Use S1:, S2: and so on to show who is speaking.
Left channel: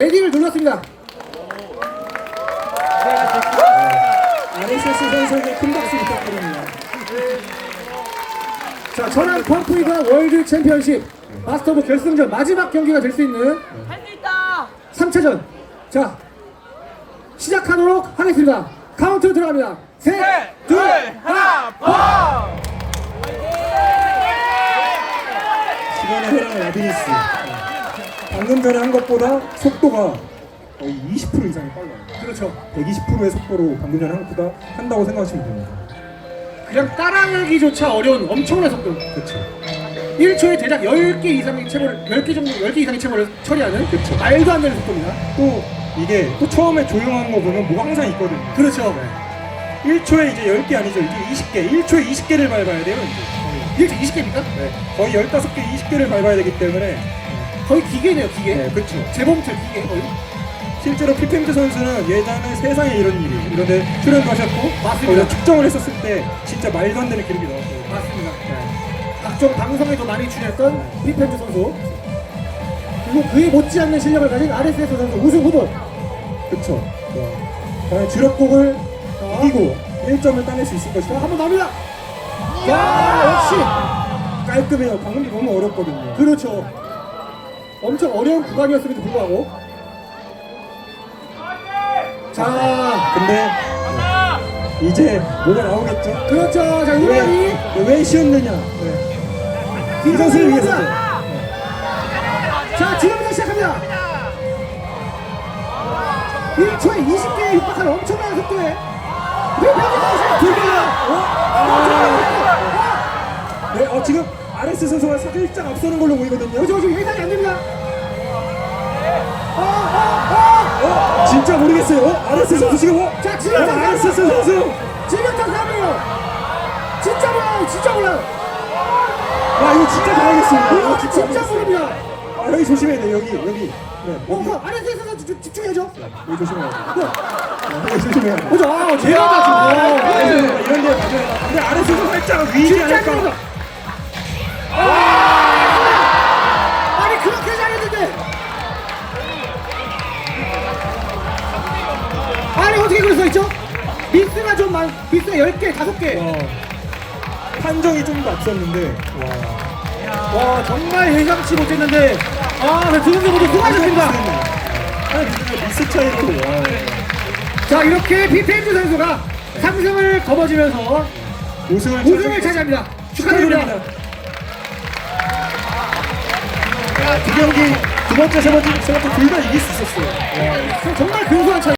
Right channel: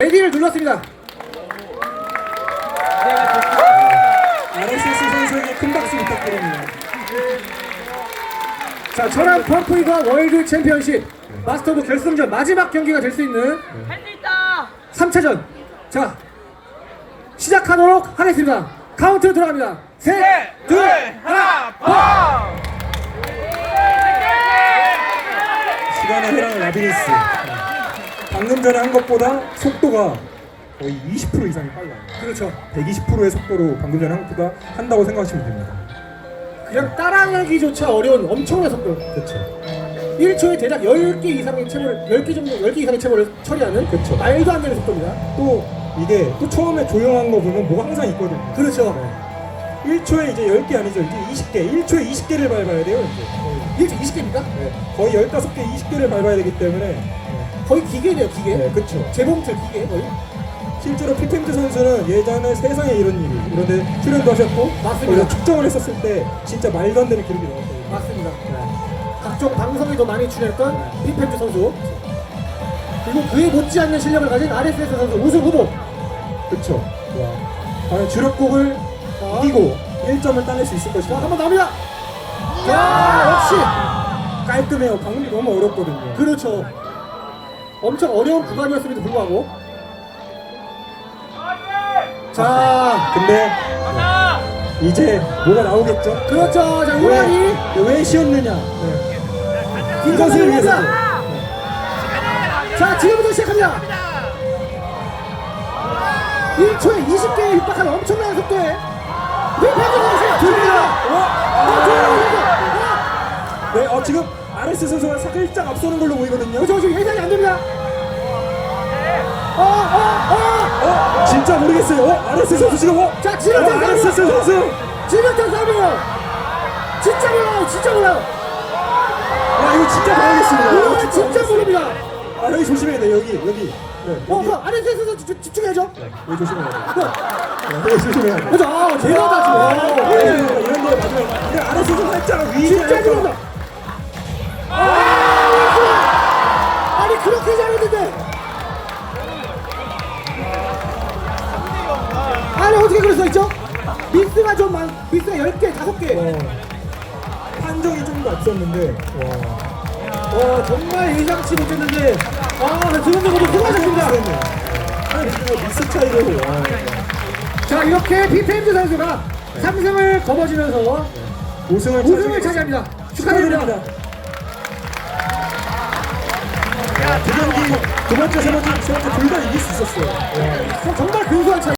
S1: 레디를 눌렀습니다.
S2: 아리세스 선수에게 큰 박수 부탁드립니다.
S1: 자, 전환 펌프이가 월드 챔피언십 마스터도 결승전 마지막 경기가 될 수 있는
S3: 할 수 있다.
S1: 3차전. 자, 시작하도록 하겠습니다. 카운트 들어갑니다. 셋, 둘, 하나, 고!
S2: 시간의 흐름의 라비리스. 방금 전에 한 것보다 속도가 거의 20% 이상이 빨라요.
S1: 그렇죠.
S2: 120%의 속도로 방금 전에 한 것보다 한다고 생각하시면 됩니다.
S1: 그냥 따라가기조차 어려운 엄청난 속도.
S2: 그렇죠.
S1: 1초에 대략 10개 이상의 체벌, 10개 정도, 10개 이상의 체벌을 처리하는
S2: 그렇죠.
S1: 말도 안 되는 속도입니다.
S2: 또 이게 또 처음에 조용한 거 보면 뭐가 항상 있거든요.
S1: 그렇죠.
S2: 1초에 이제 10개 아니죠. 이제 20개. 1초에 20개를 밟아야 돼요. 이제 거의.
S1: 1초 20개입니까?
S2: 네. 거의 15개, 20개를 밟아야 되기 때문에
S1: 거의 기계네요, 기계.
S2: 네, 그렇죠.
S1: 재봉틀 기계 거의.
S2: 실제로 피펜트 선수는 예전에 세상에 이런 일이 이런 데 출연도 하셨고
S1: 맞습니다.
S2: 거기서 측정을 했었을 때 진짜 말도 안 되는 기록이 나왔어요.
S1: 맞습니다.
S2: 네.
S1: 각종 방송에도 많이 출연했던 피펜주 선수 그리고 그에 못지않는 실력을 가진 RSS 선수 우승 후보.
S2: 자, 과연 주력곡을 이기고 1점을 따낼 수 있을
S1: 자,
S2: 것인가.
S1: 한번 납니다 야 역시
S2: 깔끔해요. 방금 너무 어렵거든요.
S1: 그렇죠 엄청 어려운 구간이었음에도 불구하고 자
S2: 근데 이제 뭐가 나오겠죠?
S1: 그렇죠 자 이만이
S2: 왜, 왜 쉬었느냐? 네. 이
S1: 김선수를
S2: 선수를
S1: 위해서. 자 지금부터 시작합니다 1초에 20개에 입박하는 엄청난 속도에 두 개나 어?
S2: 네, 아, 지금 RS 선수가 살짝 앞서는 걸로 보이거든요.
S1: 그죠 지금 예상이 안 됩니다. 어, 어, 어.
S2: 어, 진짜 모르겠어요. 어, RS 선수 지금 어?
S1: 자, 지금
S2: 어, RS 선수.
S1: 지금부터 사이에요. 진짜 몰라요, 진짜 몰라요.
S2: 와, 이거 진짜 봐야겠습니다.
S1: 이거
S2: 이거
S1: 진짜. 모릅니다.
S2: 아, 여기 조심해야 돼. 여기, 여기. 네,
S1: 어,
S2: 여기.
S1: 그 안에서 집- 집중해야죠.
S2: 여기 조심해야 돼.
S1: 그,
S2: 네, 여기 조심해야 돼.
S1: 그죠? 아, 제가 다 지금.
S2: 이런 데 맞아요. 근데 RS 선수 살짝 위기
S1: 진짜? 모릅니다. 그렇게 잘했는데. 아니 어떻게 그럴 수 있죠? 미스가 좀 많, 미스가 10개, 5개.
S2: 와, 판정이 좀더 앞섰는데, 와.
S1: 와 정말 예상치 못했는데 아두 경기 모두 수고하셨습니다
S2: 한 미스 차이로. 와.
S1: 자 이렇게 피펜드 선수가 3승을 거머쥐면서
S2: 우승을
S1: 우승을 차지합니다 축하드립니다 아,
S2: 두 경기 두 번째 세 번째 세 번째 둘 다 이길 수 있었어요. 예.
S1: 정말 근소한 차이.